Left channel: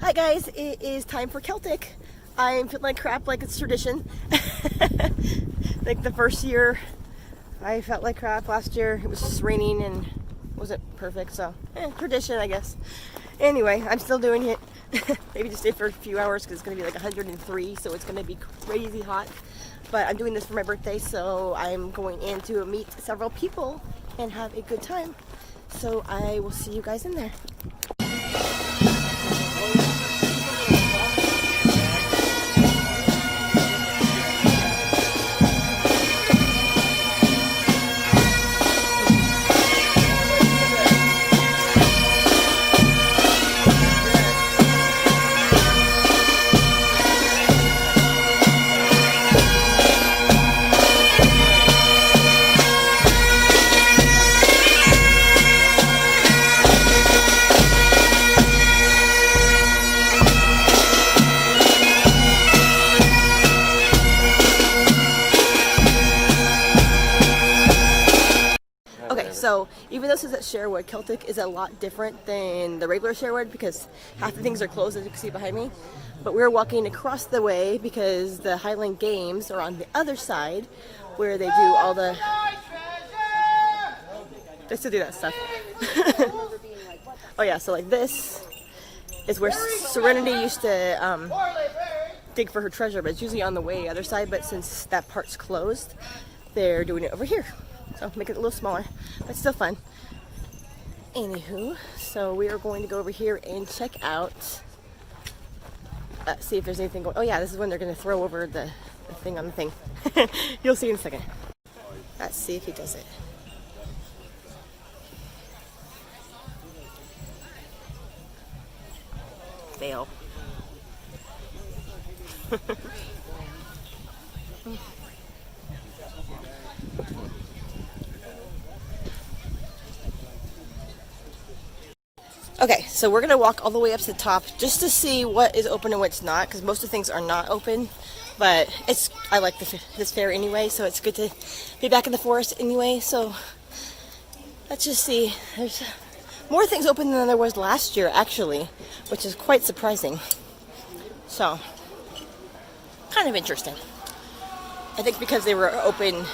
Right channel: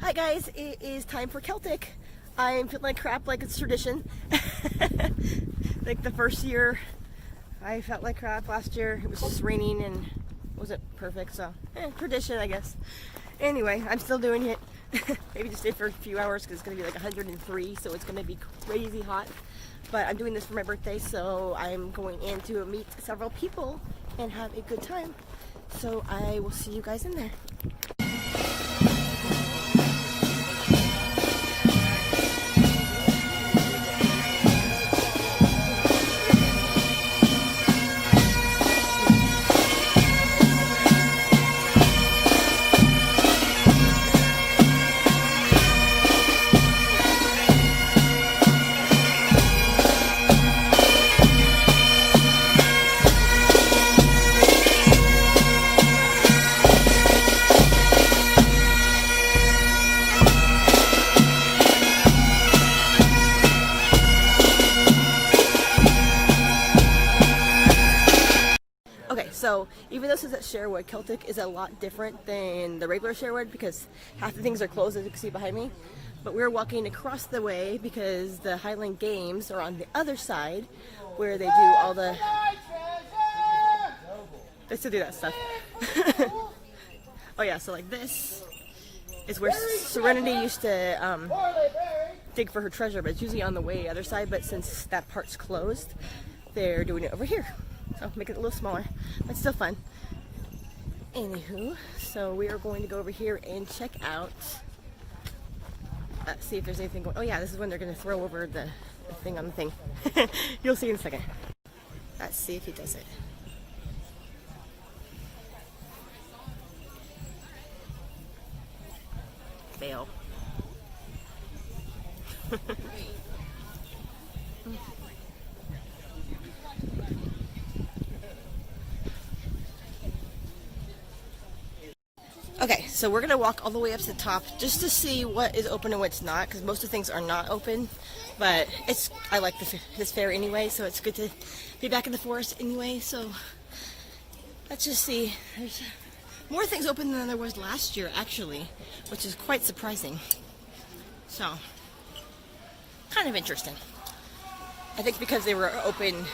Hi guys, it is time for Celtic. I'm feeling like crap like it's tradition. Like the first year I felt like crap. Last year it was just raining and wasn't perfect, so tradition I guess. Anyway, I'm still doing it. Maybe just stay for a few hours because it's going to be like 103, so it's going to be crazy hot. But I'm doing this for my birthday, so I'm going in to meet several people and have a good time. So I will see you guys in there. Okay, so even though this is at Sherwood, Celtic is a lot different than the regular Sherwood because half the things are closed, as you can see behind me. But we're walking across the way because the Highland Games are on the other side where they do all the... They still do that stuff. Oh yeah, so like this is where Serenity used to dig for her treasure, but it's usually on the way other side. But since that part's closed, they're doing it over here. So make it a little smaller, but still fun. Anywho, so we are going to go over here and check out, see if there's anything going. Oh yeah, this is when they're going to throw over the thing on the thing. You'll see in a second. Let's see if he does it. Fail. Okay, so we're gonna walk all the way up to the top just to see what is open and what's not, because most of the things are not open. But I like this fair anyway, so it's good to be back in the forest anyway. So let's just see. There's more things open than there was last year, actually, which is quite surprising. So kind of interesting. I think because they were open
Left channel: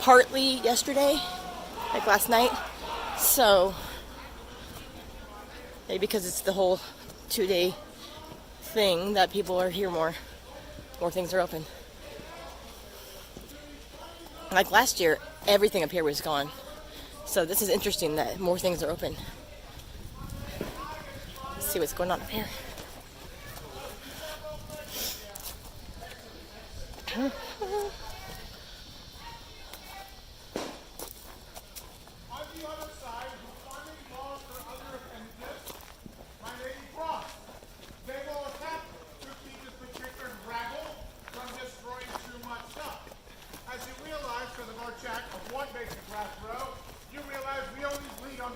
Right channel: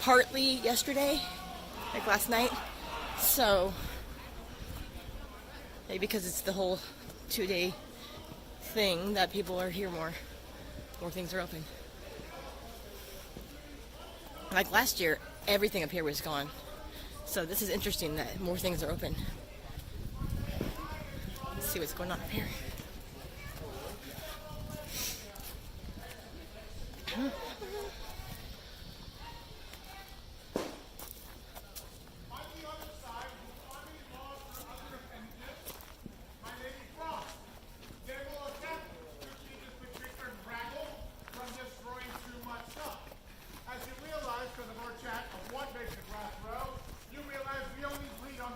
partly yesterday, like last night. So maybe because it's the whole 2-day thing that people are here more things are open. Like last year, everything up here was gone. So this is interesting that more things are open. Let's see what's going on up here.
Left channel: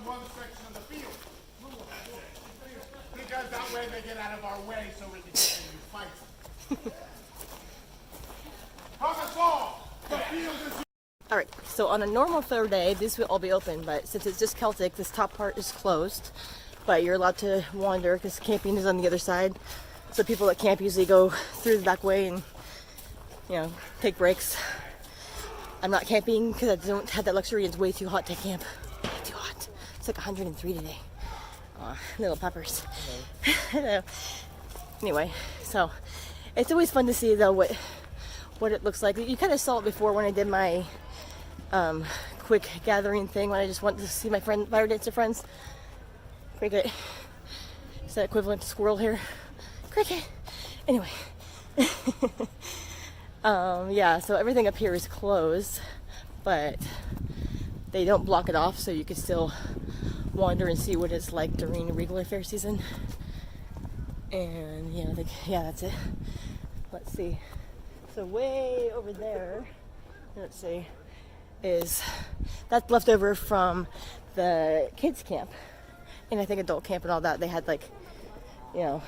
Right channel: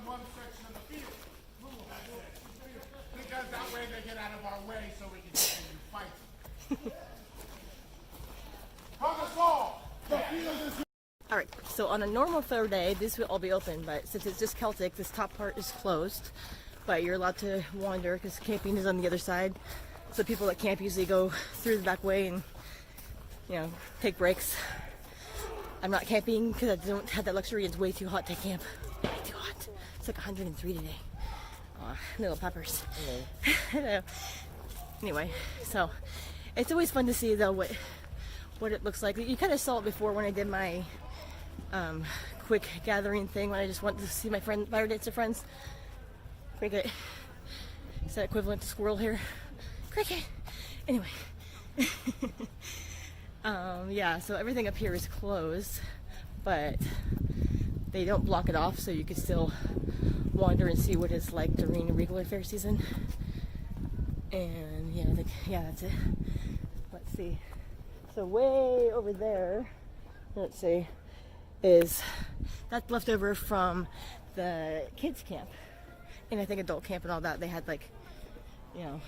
One section of the field. Because that way they get out of our way so we can continue fighting. Comment ball! The field is... Alright, so on a normal fair day, this will all be open, but since it's just Celtic, this top part is closed. But you're allowed to wander because camping is on the other side. So people that camp usually go through the back way and, you know, take breaks. I'm not camping because I don't have that luxury. It's way too hot to camp. Way too hot. It's like 103 today. Aw, little peppers. Hello. Anyway, so it's always fun to see though what it looks like. You kind of saw it before when I did my quick gathering thing when I just wanted to see my fire dancer friends. Cricket. Is that equivalent to squirrel here? Cricket. Anyway. Yeah, so everything up here is closed, but they don't block it off, so you can still wander and see what it's like during regular fair season. And yeah, that's it. Let's see. So way over there, let's see, that's left over from the kids camp, and I think adult camp and all that. They had like, you know,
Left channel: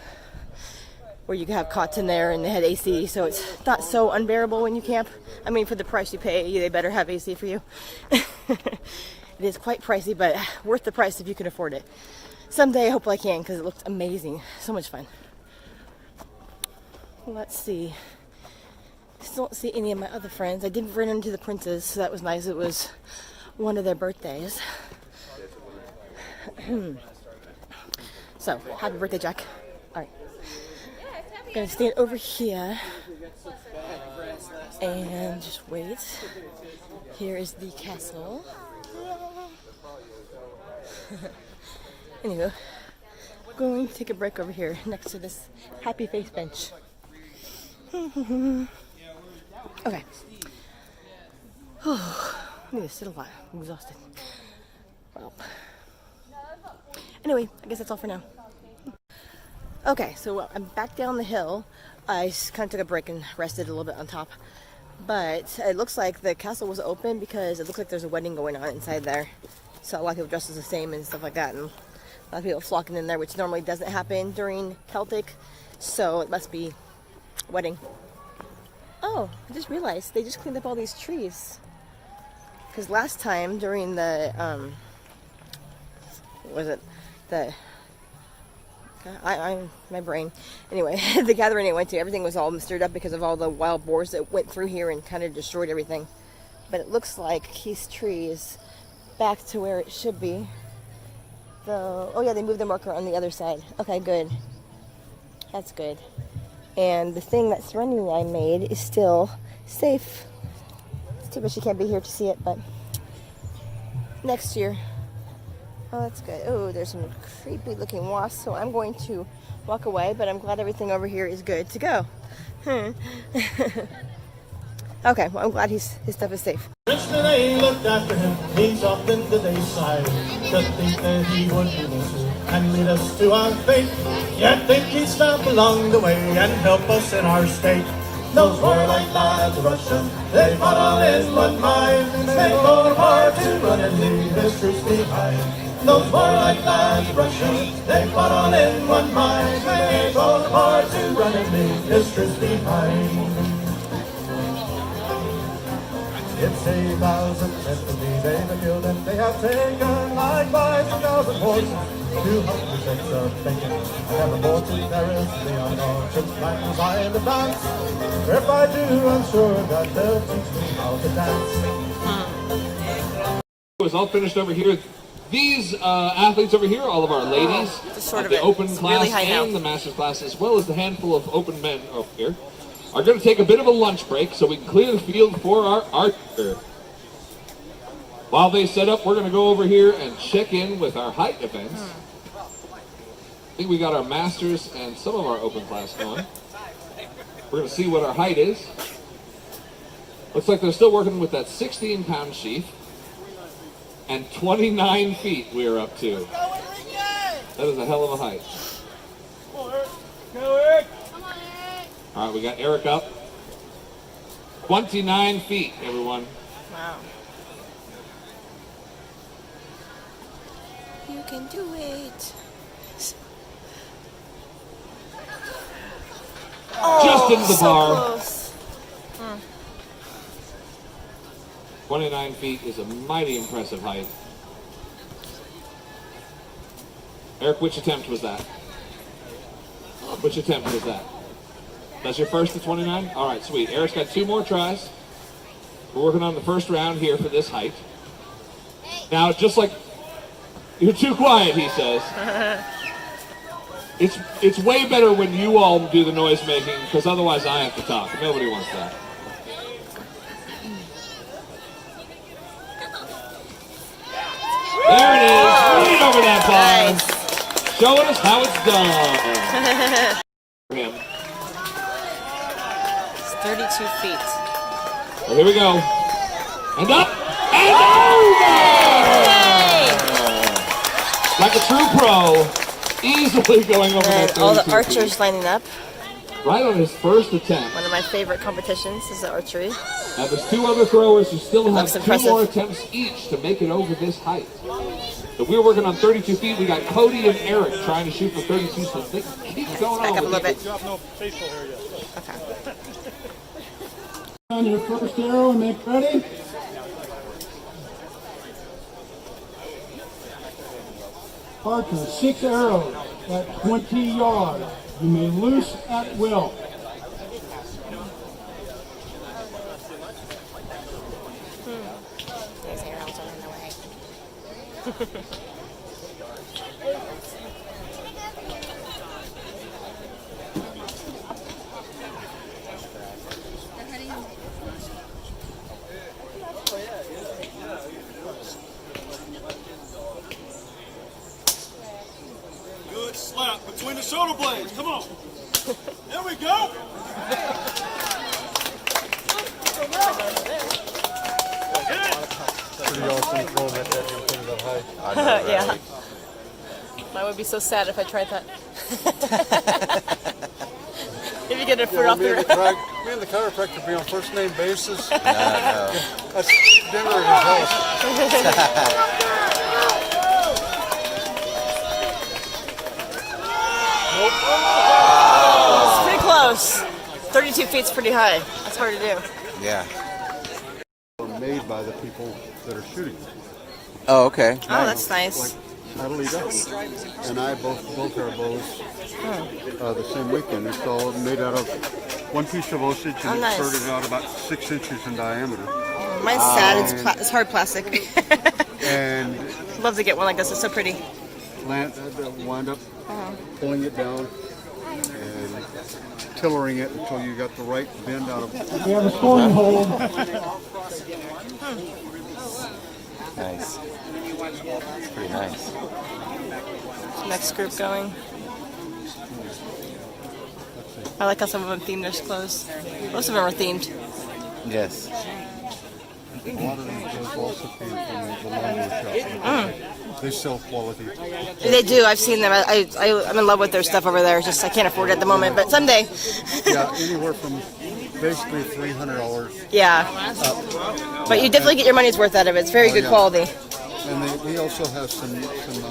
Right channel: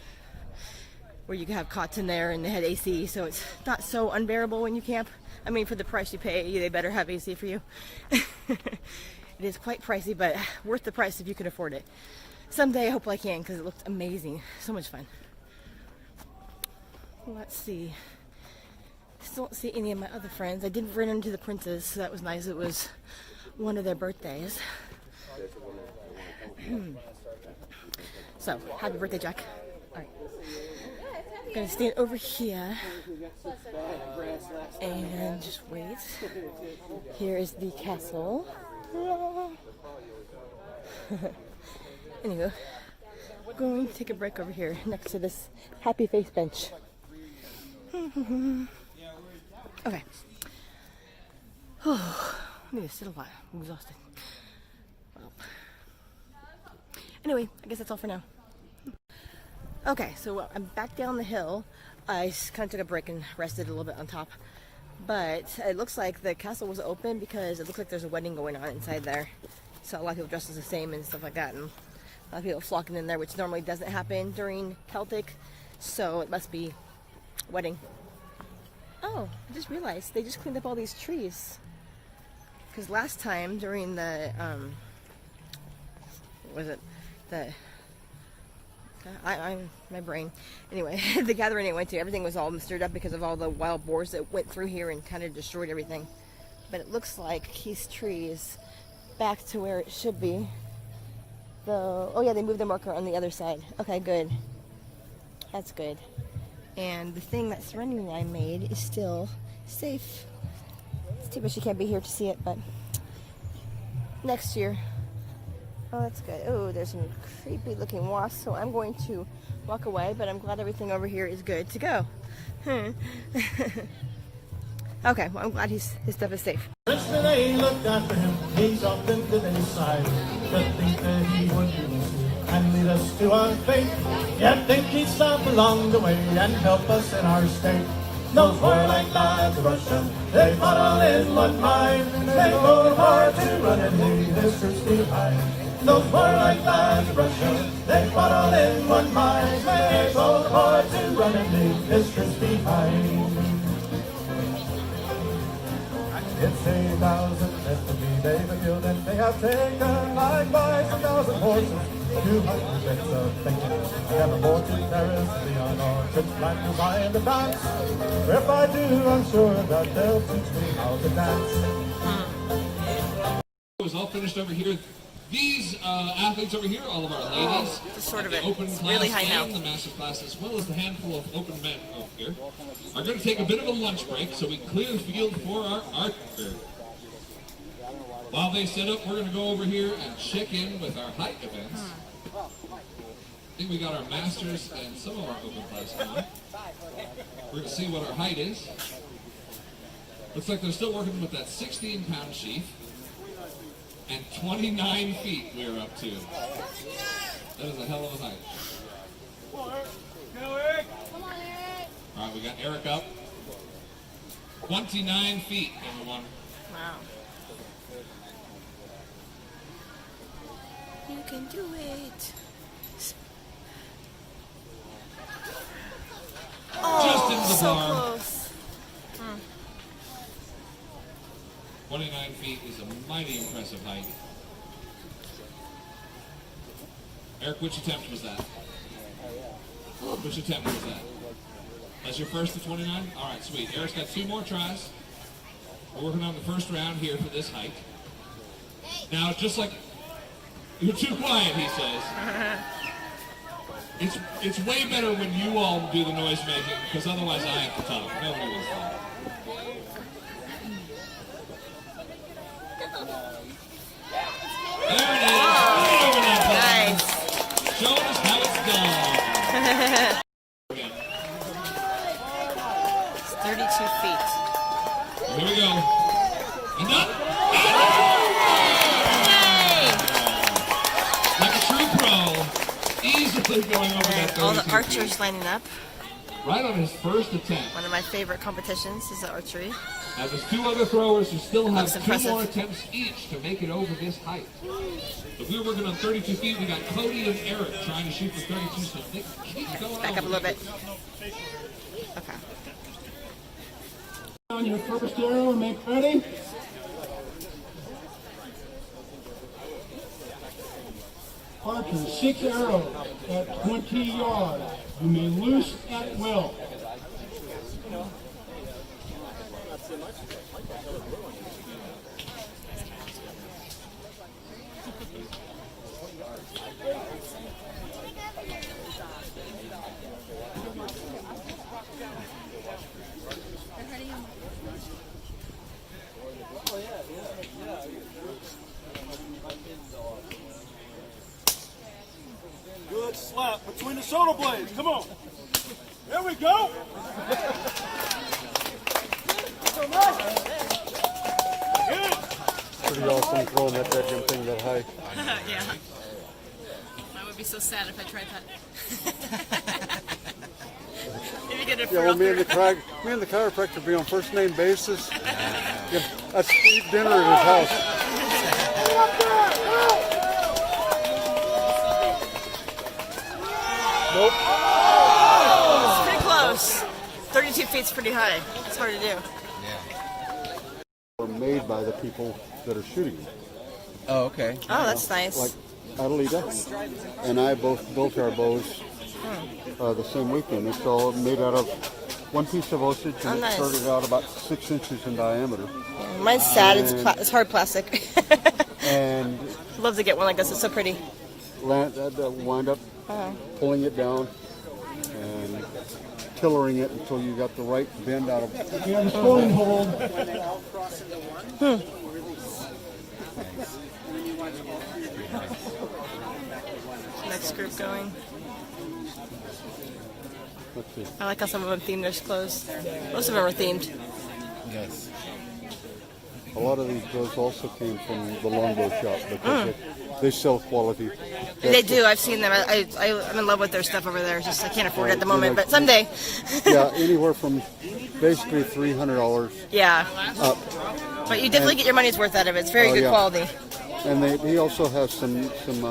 where you could have cots in there and they had AC, so it's not so unbearable when you camp. I mean, for the price you pay, they better have AC for you. It is quite pricey, but worth the price if you can afford it. Someday I hope I can, because it looks amazing. So much fun. Let's see. Still don't see any of my other friends. I did run into the princes, so that was nice. It was one of their birthdays. So, happy birthday, Jack. Alright. I'm gonna stand over here and just wait. Here is the castle. Anywho, going to take a break over here next to this happy face bench. Okay. I need to sit a lot. I'm exhausted. Well. Anyway, I guess that's all for now. Okay, so I'm back down the hill. I kind of took a break and rested a little bit on top. But it looks like the castle was open because it looks like there's a wedding going on inside there. So a lot of people dressed as the same and stuff like that. And a lot of people flocking in there, which normally doesn't happen during Celtic. So it must be a wedding. Oh, I just realized they just cleaned up all these trees. Because last time during the, what was it? My brain. Anyway, the gathering I went to, everything was all stirred up because of all the wild boars that went through here and kind of destroyed everything. But it looks like these trees back to where it should be. Oh yeah, they moved the marker on the other side. Okay, good. That's good. And the thing that Serenity I made is still safe. It's too bad she can't be here to see it, but next year. Oh, that's good. Oh, there's some creepy looking wasps, so I'm going to walk away, but I'm glad everything over here is good to go. Okay, well, I'm glad his stuff is safe. Princeton, they looked after him. He's off into the side. To think that he would do this and lead us to our fate. Yet think he'd stop along the way and help us in our state. Those warlike lads of Russia, they fought all in one mind. They fought apart to run and leave his troops behind. Those warlike lads of Russia, they fought all in one mind. They fought apart to run and leave his troops behind. It's 8,000 infantry they've been killed, and they have taken likewise 1,000 horses, 200 sets of bacon, and ever more to terrorists beyond our ships like design to dance. If I do, I'm sure that they'll teach me how to dance. It's all finished over here. These athletes over here, all of our ladies, sort of the it. open It's class really high now. and the master's class, as well as the handful of open men over here, are going to take a bit of a lunch break so we can clear the field for our archer. While they set up, we're going to go over here and check in with our height events. I think we got our masters and some of our open class going. We're going to see what our height is. Looks like they're still working with that 16-pound sheath. And 29 feet we are up to. That is a hell of a height. All right, we got Eric up. 29 feet, everyone. Wow. You can do it. Oh, Just into the so bar. Close. 29 feet is a mighty impressive height. Eric, which attempt was that? Which attempt was that? That's your first to 29? All right, sweet. Eric's got 2 more tries. We're working on the first round here for this height. Now, just like, you're too quiet, he says. It's way better when you all do the noise making, because otherwise I have to talk. Nobody wants that. There it is. Right over that bar. Nice. Showing us how it's done. Again. It's 32 feet. So here we go. And up. And over! Like a true pro, easily going over that 32 All the feet. archers lining up. Right on his first attempt. One of my favorite competitions is the archery. Now there's 2 other throwers who still have Looks 2 impressive. more attempts each to make it over this height. So we're working on 32 feet. We got Cody and Eric trying to shoot for 32, so they keep going Back on. up a little bit. Okay. On your first arrow and make ready. Archer, 6 arrows at 20 yards. You may loose at will. Good slap between the shoulder blades. Come on. There we go. Pretty awesome throwing that thing that high. Yeah. Mine would be so sad if I tried that. If you get a foot off Me the and the chiropractor be on first name basis. That's dinner at his house. Nope. It's pretty close. 32 feet's pretty high. That's hard to do. Yeah. Made by the people that are shooting them. Oh, okay. Oh, that's nice. Like Natalie Duff and I both built our bows the same weekend. It's all made out of one piece of osage, and nice. it started out about 6 inches in diameter. Mine's sad. It's hard plastic. And Love to get one like this. It's so pretty. wind up pulling it down and tillering it until you got the right bend out of it. We have a scoring hold. Nice. Pretty nice. Next group going. I like how some of them themed their clothes. Most of them are themed. Yes. A lot of these bows also came from the Longo shop. They sell quality. They do. I've seen them. I'm in love with their stuff over there. Just I can't afford it at the moment, but someday. Yeah, anywhere from basically $300. Yeah. But you definitely get your money's worth out of it. It's very good yeah. quality. And he also has some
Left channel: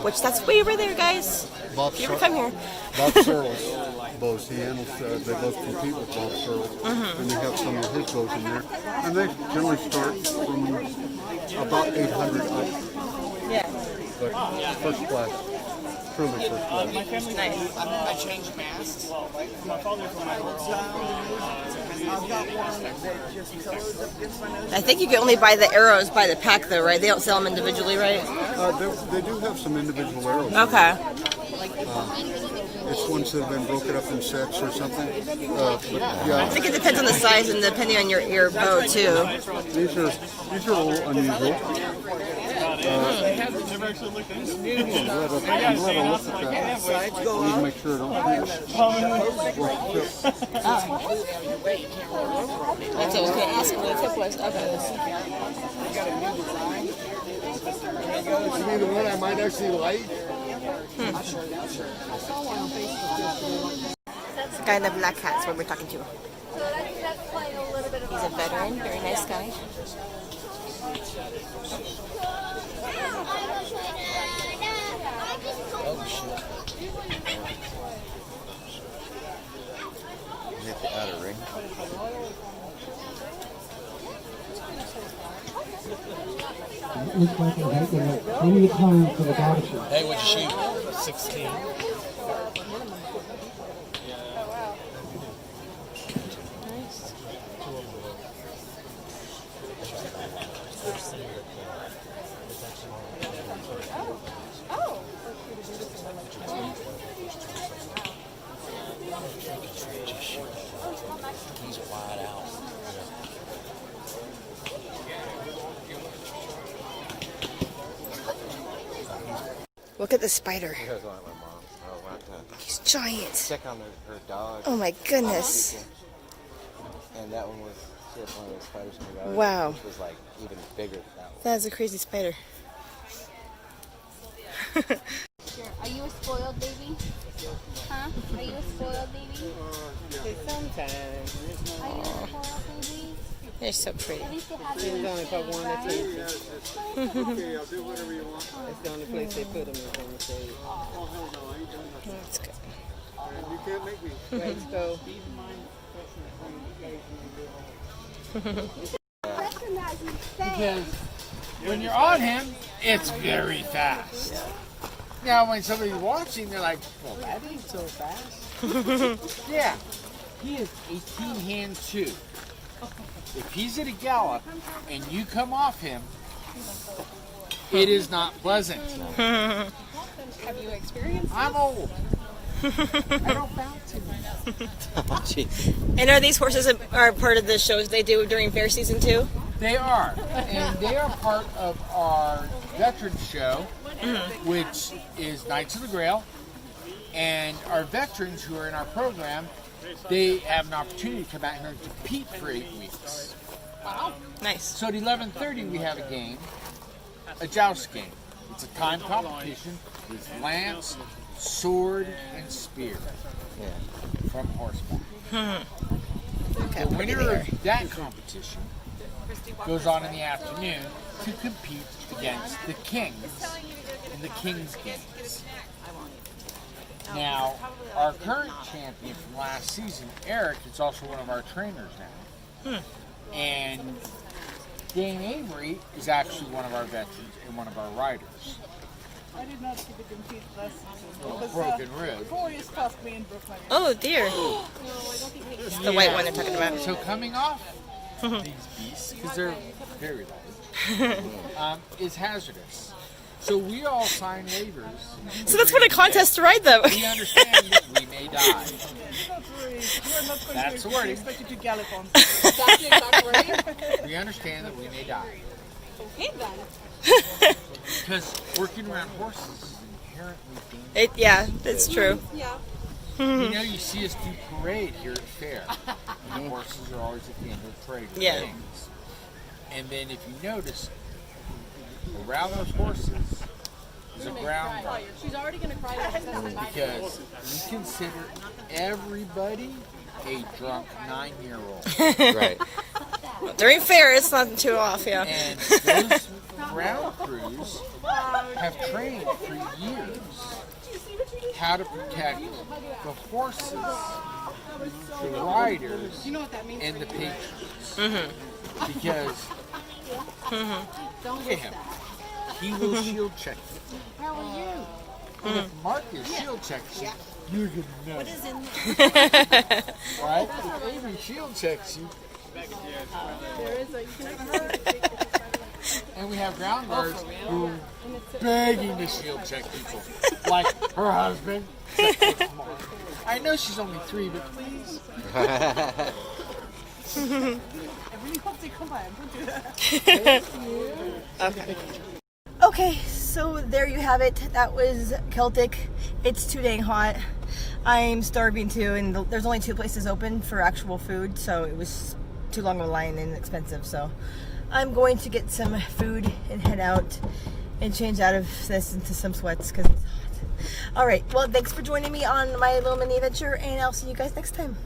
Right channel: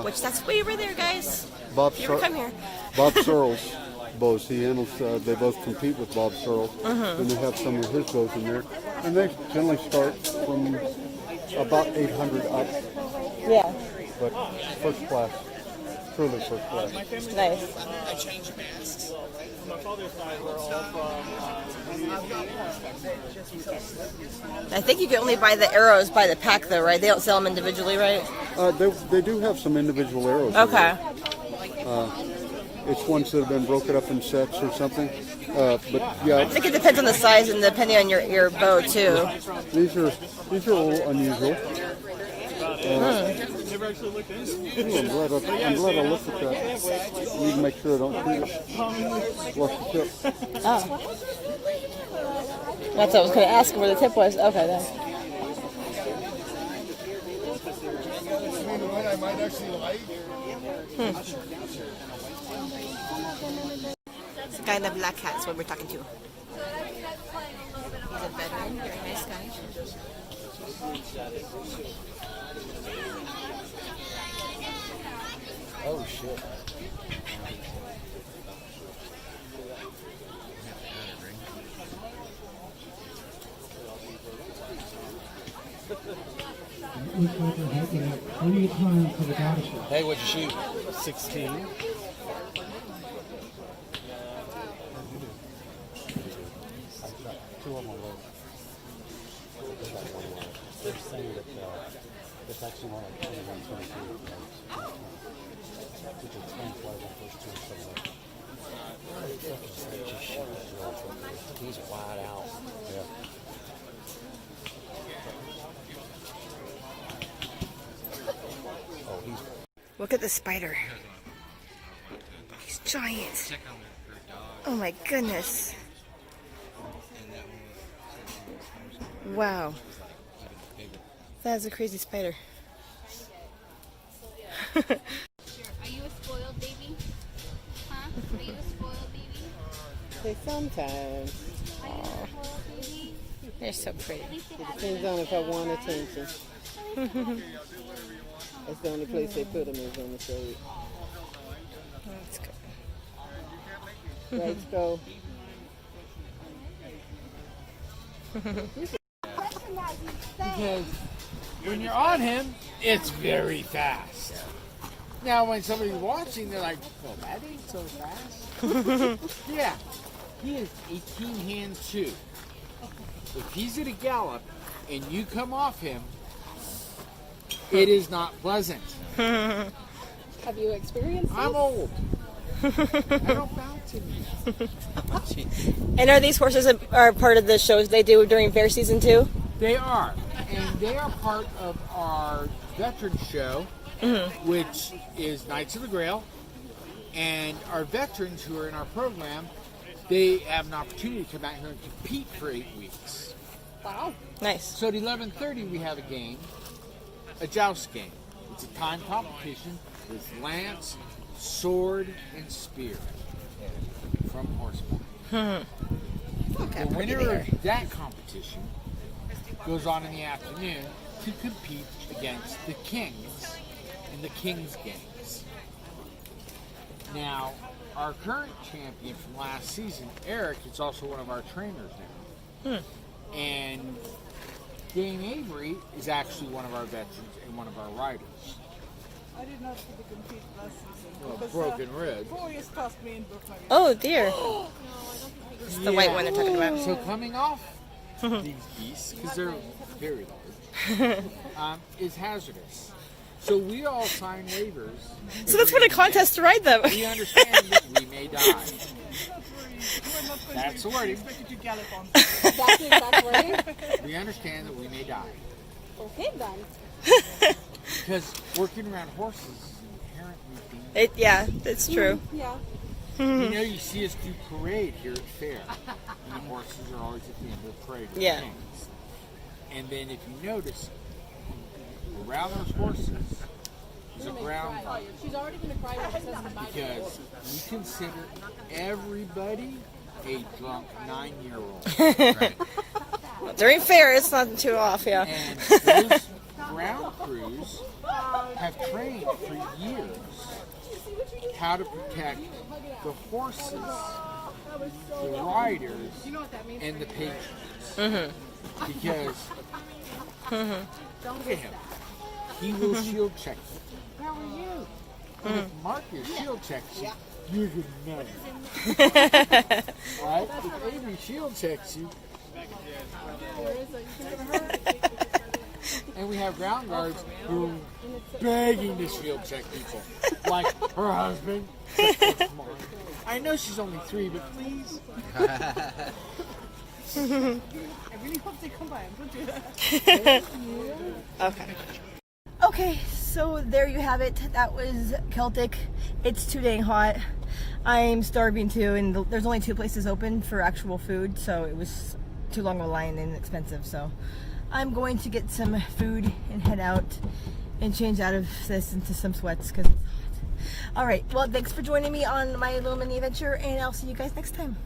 Which that's way over there, guys. Bob If you ever come here. Bob Searles bows. He handles. They both compete with Bob Searles, and they have some of his bows in there. And they generally start from about 800 up, Yeah. but first class, truly first class. Nice. I think you can only buy the arrows by the pack, though, right? They don't sell them individually, right? They do have some individual arrows. Okay. It's ones that have been broken up in sets or something. But I yeah, think it depends on the size and depending on your bow, too. these are a little unusual. I'm glad I looked at that. I need to make sure I don't shoot it. Watch the tip. That's what I was going to ask where the tip was. Okay. Maybe the one I might actually like. The guy in the black hat is what we're talking to. He's a veteran, very nice guy. Oh, shit. Hit the outer ring. Looks like I have plenty of time for the guy to shoot. Hey, what'd you shoot? 16. He's wide out. Look at the spider. He's giant. Check on her dog. Oh my goodness. And that one was one of the spiders in the garden, Wow. which was like even bigger now. That is a crazy spider. Are you a spoiled baby? Huh? Are you a spoiled baby? Sometimes. Are you a spoiled baby? They're so pretty. Depends on if I want attention. That's the only place they put them is on the stage. That's good. Let's go. Because when you're on him, it's very fast. Now, when somebody's watching, they're like, well, that ain't so fast. Yeah, he is 18 hand 2. If he's at a gallop and you come off him, It is not pleasant. Have you experienced I'm old. I don't bounce anymore. And are these horses are part of the shows they do during fair season too? They are. And they are part of our veterans show, which is Knights of the Grail. And our veterans who are in our program, they have an opportunity to come out here and compete for 8 weeks. Wow. Nice. So at 11:30 we have a game, a joust game. It's a time competition with lance, sword, and spear from horseback. Okay, The pretty winner there. of that competition goes on in the afternoon to compete against the kings in the King's Games. Now, our current champion from last season, Eric, is also one of our trainers now. And Dane Avery is actually one of our veterans and one of our riders. I did not see the compete last season. Oh, broken rib. 4 years past me and broke my rib. Oh dear. The white one they're talking about. So coming off these beasts, because they're very large, is hazardous. So we all sign waivers. So that's what a contest to ride them. We understand that we may die. Don't worry. We're not going That's to the wording. expect you to gallop on. We understand that we may die. Okay then. Because working around horses is inherently dangerous. Yeah, that's true. Yeah. You know, you see us do parade here at fair. And the horses are always at the end of the parade with Yeah. things. And then if you notice, around those horses is a ground guard. She's already gonna cry when she says goodbye. Because we consider everybody a drunk 9-year-old. Right. During fair, it's not too off, yeah. And those ground crews have trained for years how to protect the horses, the riders, and the patrons. Because look at him. He will shield check you. How are you? And if Marcus shield checks you, you're going to know. Right? If Avery shield checks you, and we have ground guards who are begging to shield check people. Like her husband. Come on. I know she's only 3, but please. I really hope they come by and don't do that. Okay. Okay, so there you have it. That was Celtic. It's too dang hot. I'm starving too, and there's only 2 places open for actual food, so it was too long of a line and expensive. So I'm going to get some food and head out and change out of this into some sweats because it's hot. All right, well, thanks for joining me on my little mini adventure, and I'll see you guys next time.